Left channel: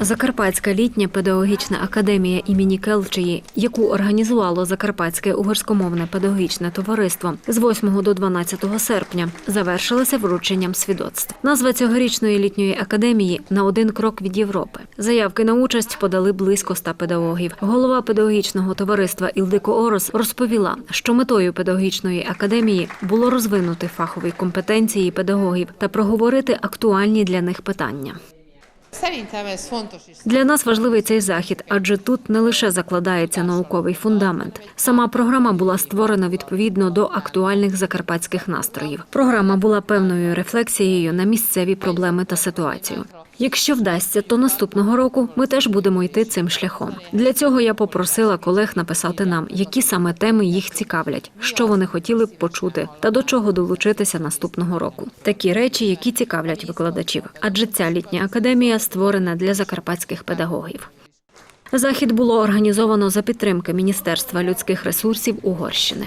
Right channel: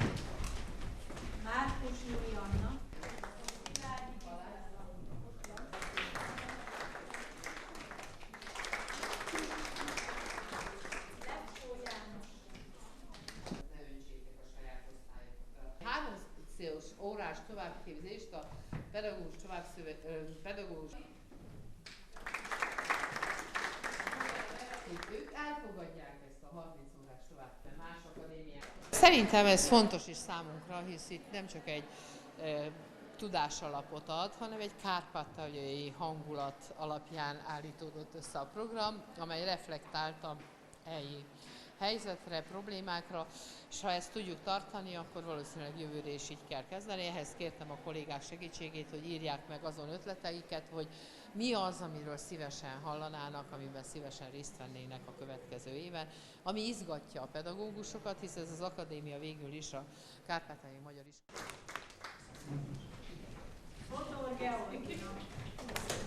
Закарпатська літня педагогічна академія імені Келчії, яку організувало Закарпатське угорськомовне педагогічне товариство з 8 до 12 серпня, завершилася врученням свідоцтв. Назва цьогорічної літньої академії на один крок від Європи. Заявки на участь подали близько ста педагогів. Голова педагогічного товариства Ілдико Орос розповіла, що метою педагогічної академії було розвинути фахові компетенції педагогів та проговорити актуальні для них питання. Для нас важливий цей захід, адже тут не лише закладається науковий фундамент. Сама програма була створена відповідно до актуальних закарпатських настроїв. Програма була певною рефлексією на місцеві проблеми та ситуацію. Якщо вдасться, то наступного року ми теж будемо йти цим шляхом. Для цього я попросила колег написати нам, які саме теми їх цікавлять, що вони хотіли б почути, та до чого долучитися наступного року. Такі речі, які цікавлять викладачів, адже ця літня академія створена для закарпатських педагогів. Захід було організовано за підтримки Міністерства людських ресурсів Угорщини.